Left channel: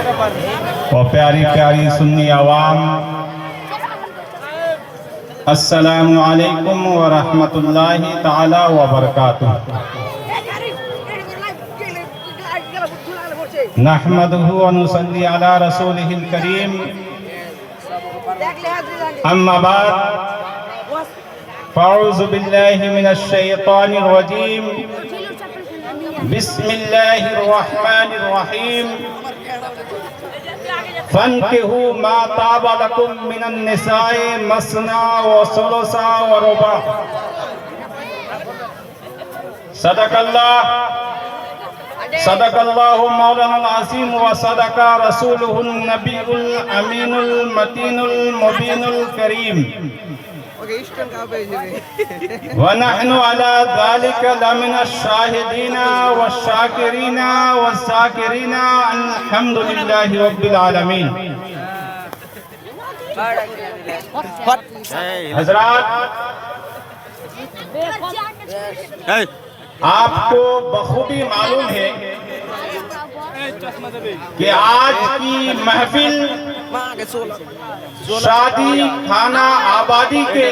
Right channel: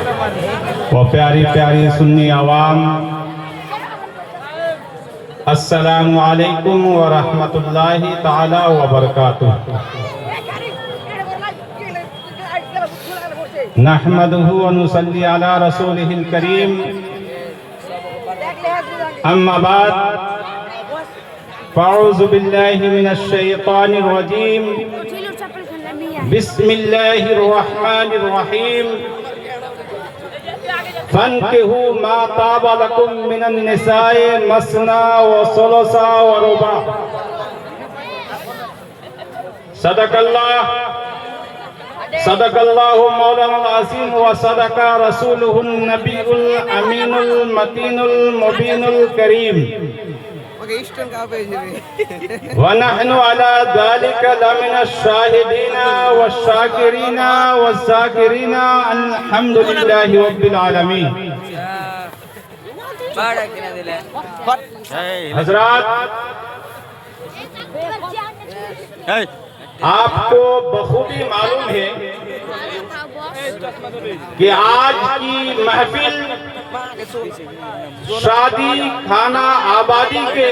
اور پیاری پیاری سنی عوام، السلام علیکم ورحمۃ اللہ تعالی وبرکاتہ۔ نحمدہ ونصلی علی رسولہ الکریم، اما بعد فاعوذ باللہ من الشیطان الرجیم، بسم اللہ الرحمن الرحیم، فانکحوا ما طاب لکم من النساء مثنی وثلاث ورباع۔ صدق اللہ مولانا العظیم وصدق رسولہ النبی الامین المتین المبین الکریم، ونحن على ذلك لمن الشاهدين والشاكرين والذاكرين الحمد لله رب العالمين۔ حضرات، آپ کو بخوبی معلوم ہے کہ آج کی محفل شادی خانہ آبادی کے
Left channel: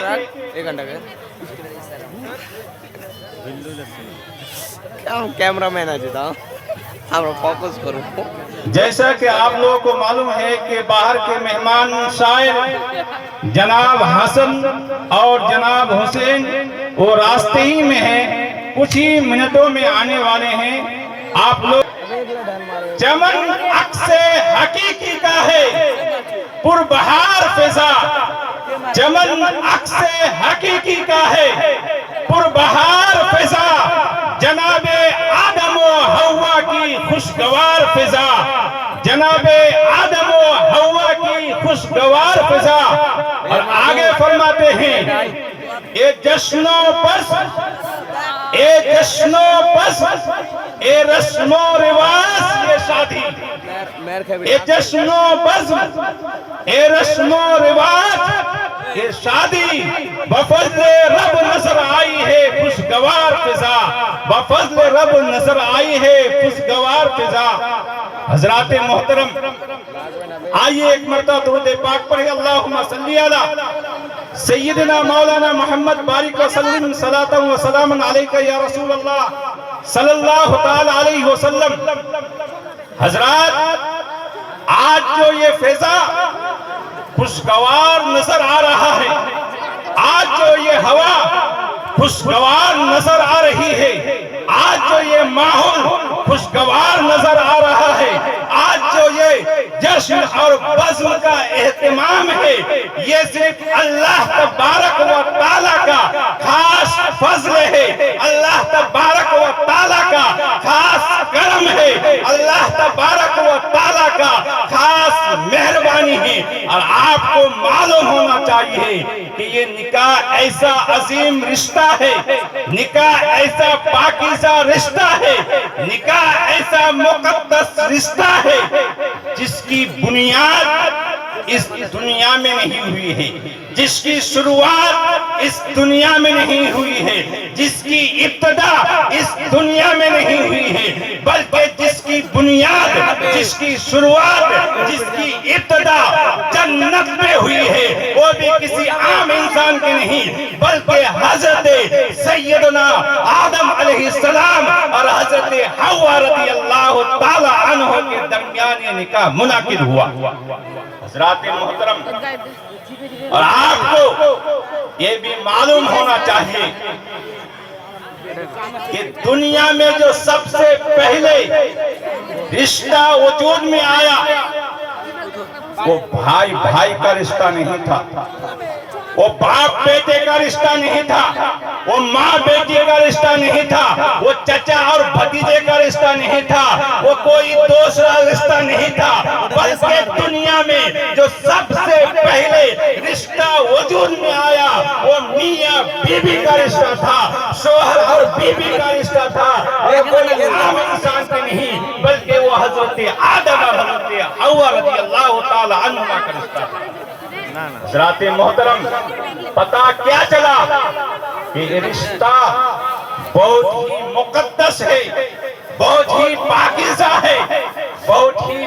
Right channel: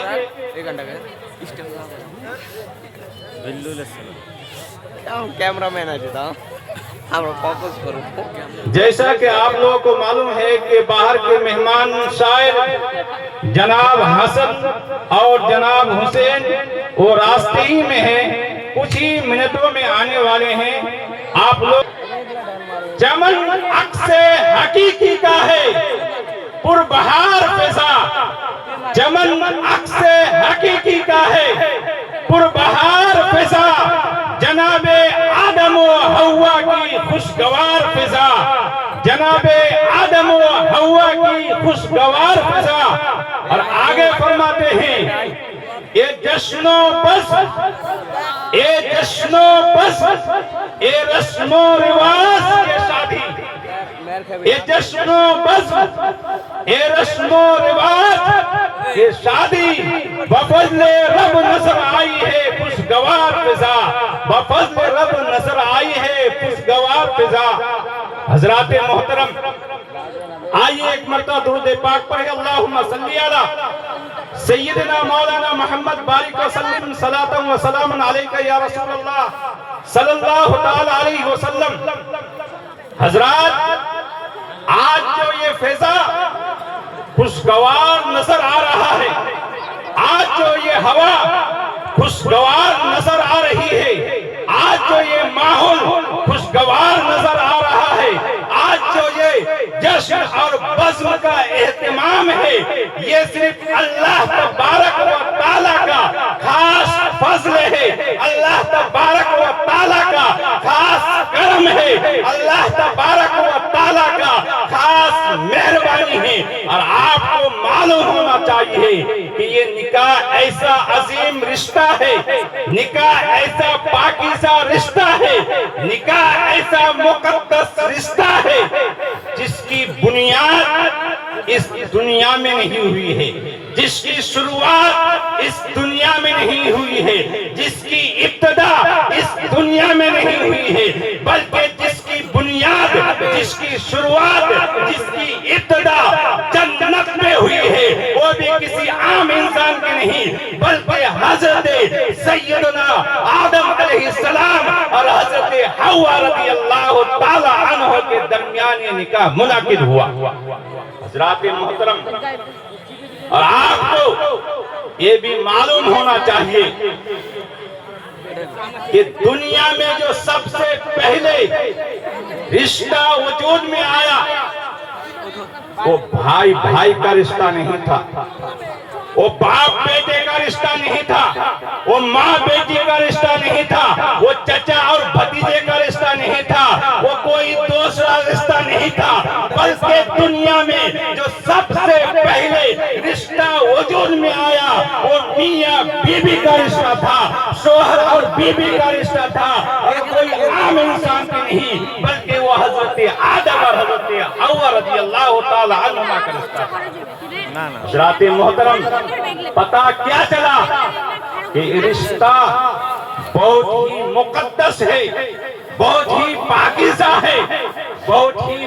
کیمرہ مین آجتا ہم فوکس کرو۔ جیسا کہ آپ لوگوں کو معلوم ہے کہ باہر کے مہمان شاعر جناب حسن اور جناب حسین وہ راستے ہی میں ہیں، کچھ ہی منٹوں میں آنے والے ہیں۔ آپ لوگ چمن عکس حقیقی کا ہے پر بہار فضا، چمن عکس حقیقی کا ہے پر بہار فضا، جناب آدم و حوا کی خوشگوار فضا، جناب آدم و حوا کی خوشگوار فضا۔ اور آگے فرماتے ہیں، اے جشن و بس، اے جشن و بس، اے رسم و رواج یہ شادی، اے جشن و بس، اے رسم و رواج یہ شادی، بفضل رب نظر آئی ہے خوشگوار فضا، بفضل رب نظر آئی ہے خوشگوار فضا۔ حضرات محترم، آئیے ایک مرتبہ درود پاک پڑھیں، اللہم صلی علی سیدنا مولانا محمد بارک وسلم، صلاۃ و سلام علیکہ یا رسول اللہ صلی اللہ تعالی علیہ وسلم۔ حضرات، آج جو یہ فضا خوشگوار نظر آ رہا ہے، آج جو یہ ہوا خوشگوار نظر آ رہی ہے، آج جو یہ ماحول خوشگوار نظر آ رہا ہے، آج جو یہ جشن اور بزم کا اہتمام ہے، یہ صرف اللہ تبارک و تعالیٰ کا خاص فضل ہے، اللہ تبارک و تعالیٰ کا خاص کرم ہے، اللہ تبارک و تعالیٰ کا خاص مہربانی ہے۔ اور آپ کو معلوم ہونا چاہیے کہ یہ نکاح ایسا عظیم رشتہ ہے، نکاح ایسا پاکیزہ رشتہ ہے، نکاح ایسا مقدس رشتہ ہے جس کی بنیاد اس دنیا میں نہیں ہوئی ہے، جس کی شروعات اس دنیا میں نہیں ہوئی ہے، جس کی ابتدا اس دنیا میں نہیں ہوئی ہے، بلکہ جس کی بنیاد، جس کی شروعات، جس کی ابتدا جنت میں ہوئی ہے، وہ بھی کسی عام انسان کی نہیں، بلکہ حضرت سیدنا آدم علیہ السلام اور حضرت حوا رضی اللہ تعالی عنہ کے درمیان یہ نکاح منعقد ہوا۔ حضرات محترم، اور آپ کو یہ بھی معلوم ہونا چاہیے کہ دنیا میں جو سب سے پہلے رشتہ وجود میں آیا وہ بھائی بھائی کا رشتہ نہیں تھا، وہ باپ بیٹے کا رشتہ نہیں تھا، وہ ماں بیٹی کا رشتہ نہیں تھا، وہ چچا اور بھتیجے کا رشتہ نہیں تھا، وہ کوئی دوسرا رشتہ نہیں تھا، بلکہ دنیا میں جو سب سے پہلے رشتہ وجود میں آیا وہ میاں بیوی کا رشتہ تھا، شوہر اور بیوی کا رشتہ تھا، اور کوئی عام انسان کے نہیں، بلکہ وہ حضرت آدم اور حضرت حوا رضی اللہ تعالی عنہ کا رشتہ تھا۔ حضرات محترم، پتہ کیا چلا کہ رشتہ بہت ہی مقدس ہے، بہت ہی پاکیزہ ہے، بہت ہی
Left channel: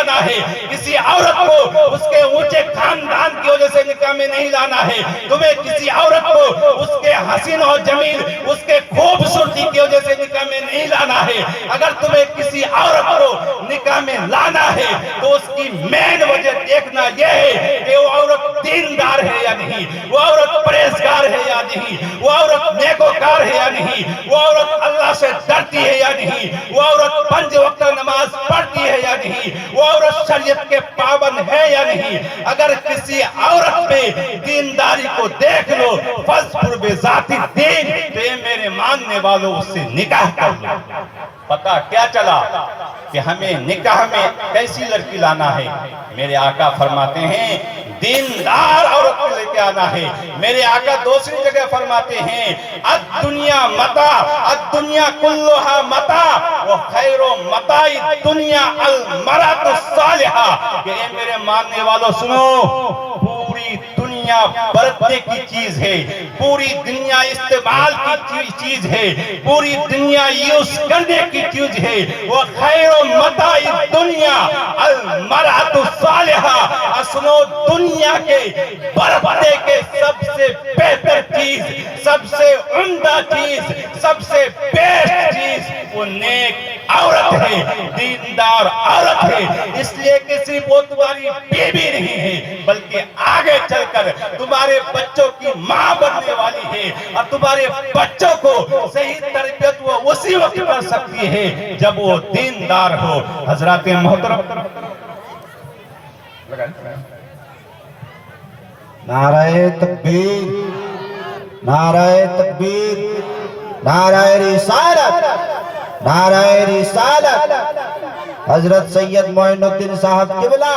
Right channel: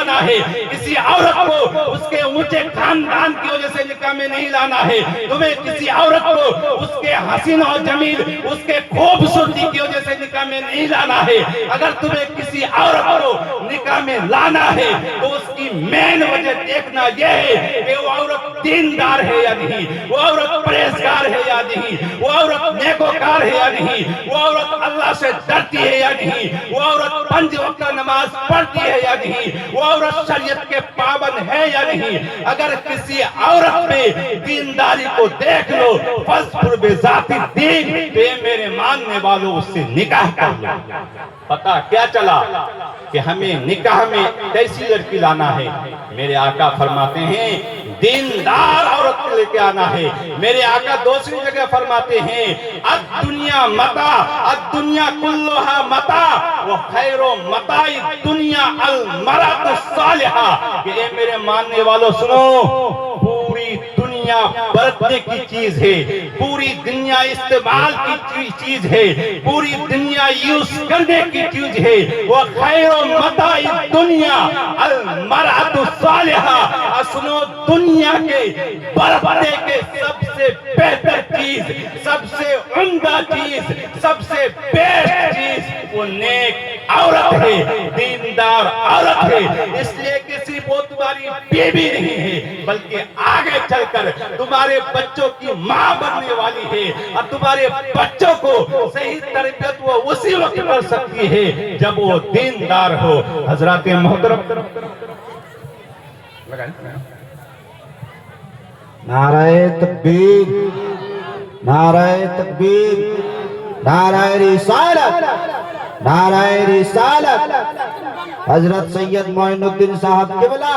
لانا ہے, کسی عورت کو اس کے اونچے خاندان کی وجہ سے نکاح میں نہیں لانا ہے, تمہیں کسی عورت کو اس کے حسین و جمیل, اس کے خوبصورتی کی وجہ سے نکاح میں نہیں لانا ہے. اگر تمہیں کسی عورت کو نکاح میں لانا ہے تو اس کی مین وجہ دیکھنا یہ ہے کہ وہ عورت دیندار ہے یا نہیں, وہ عورت پرہیزگار ہے یا نہیں, وہ عورت نیکوکار ہے یا نہیں, وہ عورت اللہ سے ڈرتی ہے یا نہیں, وہ عورت 5 وقت نماز پڑھتی ہے یا نہیں, وہ عورت شریعت کے پابند ہے یا نہیں. اگر کسی عورت میں دینداری کو دیکھ لو, فَاظْفُرْ بِذَاتِ الدِّینِ, تو یہ میرے ماننے والوں اس سے نکاح کر لو. پتہ کیا چلا کہ ہمیں نکاح میں کیسی لڑکی لانا ہے؟ میرے آقا فرماتے ہیں دیندار عورت کو لے کے آنا ہے. میرے آقا دوسری جگہ فرماتے ہیں الدنیا متاع, الدنیا کلھا متاع وخیر متاع الدنیا المرأۃ الصالحہ. کہ اے میرے ماننے والوں سنو, پوری دنیا برتنے کی چیز ہے, پوری دنیا استعمال کی چیز ہے, پوری دنیا یوز کرنے کی چیز ہے. وہ خیر متاع الدنیا المرأۃ الصالحہ. سنو, دنیا کے برتنے کے سب سے بہتر چیز, سب سے عمدہ چیز, سب سے بیسٹ چیز وہ نیک عورت ہے, دیندار عورت ہے. اس لیے کہ صرف وہ تمہاری بیوی نہیں ہے بلکہ آگے چل کر تمہارے بچوں کی ماں بننے والی ہے, اور تمہارے بچوں کو صحیح تربیت وہ اسی وقت کر سکتی ہے جب وہ دیندار ہو. حضرات محترم, نعرہ تکبیر, نعرہ تکبیر, نعرہ رسالت, نعرہ رسالت. حضرت سید معین الدین صاحب قبلہ.